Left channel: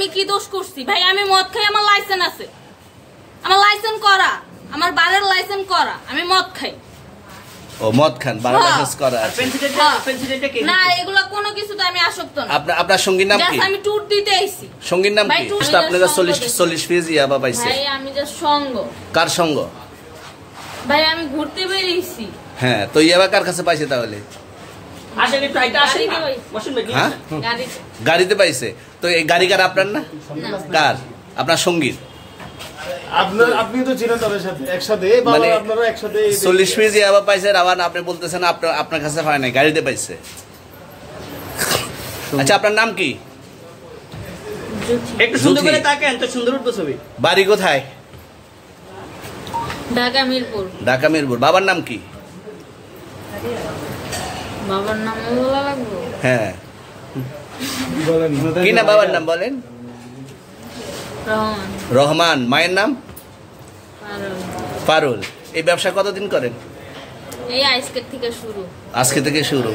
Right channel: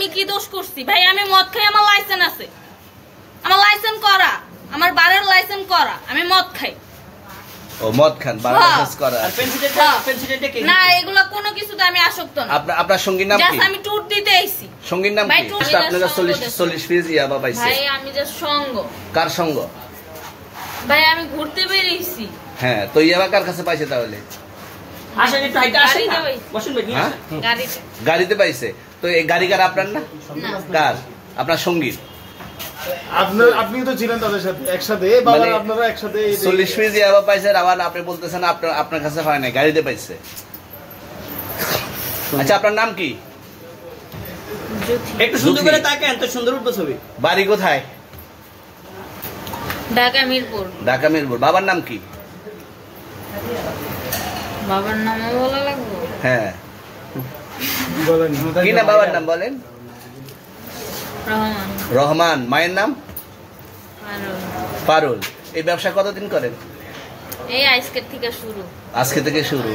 আমি কি দোষ করছি ভাই? আমি মদ খাই, আমার লাইসেন্স আছে, আমার লাইসেন্স করা, আমার বারের লাইসেন্স করা, আমি মদ খাই। ও মদ খান, বারের লাইসেন্স করা। আর পেন্সিলটা কে? না এগুলা কোনো কিছুতে আমি আসক্ত না। আপনার সঙ্গীর নাম কি? আমি ট্যুর দিতে আইছি। সঙ্গীর নাম কি? আপনারা 40 পিস ইয়াবা পাইছে। ভাই আমি যে সঙ্গ। কার সঙ্গ? ভাই আমি ঘুরতে বেরিয়েছি। হ্যাঁ, তো ইয়াবা কার কাছে পাইছে তাহলে? আসেন একটু আইটা আসেন, বসুন ভাই। গাড়িতে পাইছে। তো এই গাড়ি কার? আপনার না? কার? আপনার সঙ্গী? আপনি তো ছিলেন তাদের সাথে একসাথে, বাবা আপনারা একসাথে 40 পিস ইয়াবা পাইছে, আবার আপনি বলতেছেন আপনার কাছে হয় নাই, গাড়িতে পাইছে। আচ্ছা, আপনার নাম কি? একটু সুন্দর করে তাকান তো, সুন্দর উঠবে ছবি। বাড়ি কোথায়? ঢাকা মিরপুর। ঢাকা মিরপুর। বাবার নাম কি? বাবার নাম বলা লাগবে? হ্যাঁ বলেন কি না বাবার নাম বলেন? রহমান। রহমান। মায়ের নাম? পারুল। এই ব্যবসা কতদিন করেন? এই আজকের থেকে শুরু। আজকে থেকে শুরু।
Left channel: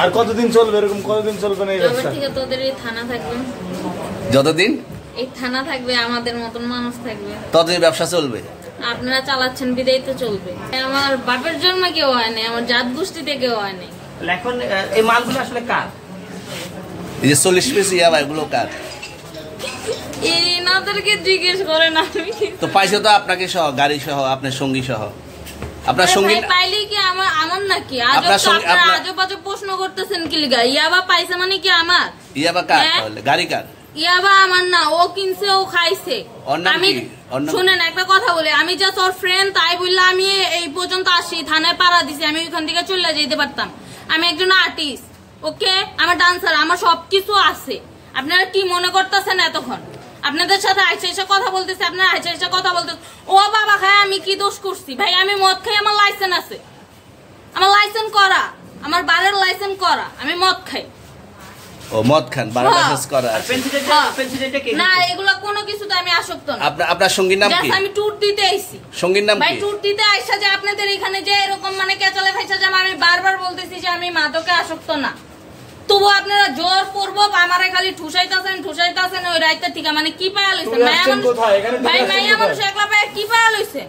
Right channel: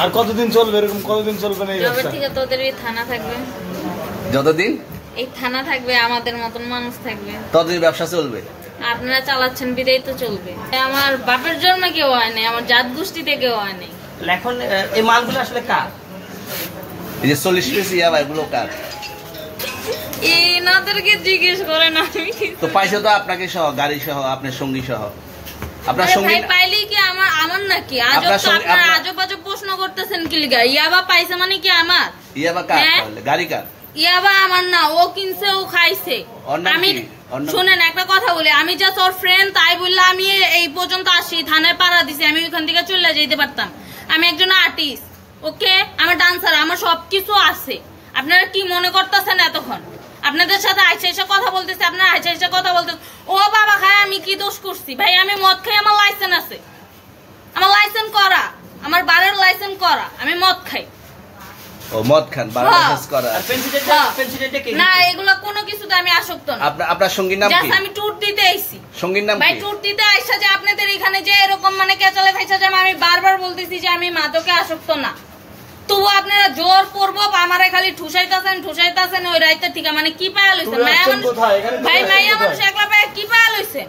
আর কতদিন চলবে এরকম? কতদিন চলবে না এই তবে ব্যবসা? থেকে তোদের এই থানা থাকবে, যতদিন এই থানা থাকবে, আমাদের মতন মানুষ থাকবে, ততদিন ব্যবসা চলবে। আপনারা চালাচ্ছেন বিদায় তো চলবে। আমার বাপের জন্মে কেউ হয় নাই, আমার জাত গোষ্ঠীতে কেউ হয় নাই। এখন এই মালগুলো আসলে কার? এই যে 40 পিস ইয়াবা, এগুলো কার? এনাদেরকে জিজ্ঞেস করেন। আমি তো পাইছে তো আপনাকে সহ, গাড়ি সহ, আপনার সঙ্গী সহ। আপনার সঙ্গী পাইলেই কি আমার নাকি? আপনারা আজব আজব প্রশ্ন করতেছেন কি লিগা? ইয়াবা পাইছে মানে কি আমার? ইয়াবা কার তাহলে? গাড়ি কার? ইয়াবা আমার না, ও কিনছে, ও খাইছে। আমি শুনেন একটা কথা বলি, আমি জাস্ট ওর ফ্রেন্ড, তাই বললে আমি এই পর্যন্ত আসি, থানায় পাড়া দিছি, আমি ওইখান থেকে চলে যেতে পারতাম। আমি একজন আর্টিস্ট, ওকে, আমার ডান্সার, আমার সবকিছু আছে। আপনারা কি মনে করতেছেন এতক্ষণ? আপনাদের সাথে আইসা কথা বলতেছে, আপনারা আইসা কথা বলতেছে। ও বাবা খায়, আমি কি দোষ করছি ভাই? আমি মদ খাই, আমার লাইসেন্স আছে, আমার লাইসেন্স করা, আমার বারের লাইসেন্স করা, আমি মদ খাই। ও মদ খান, বারের লাইসেন্স করা। আর পেন্সিলটা কে? না এগুলা কোনো কিছুতে আমি আসক্ত না। আপনার সঙ্গীর নাম কি? আমি ট্যুর দিতে আইছি। সঙ্গীর নাম ভাই কি? ট্যুর দিতে আইসা যে আপনাদের এখানে যে এরকম মানে কেচালে ফাইসা যে আমি বারবার বলতেছি যে আমি মাদকে আসক্ত না, তবু আপনারা জোর করবো আমারে খালি ঠুসাইতাছেন ওই রাইতে থেকে। মানে কি পায়া লইছেন? ভাই মাইয়া মানুষ একলা পায়া কি পায়া লইছেন?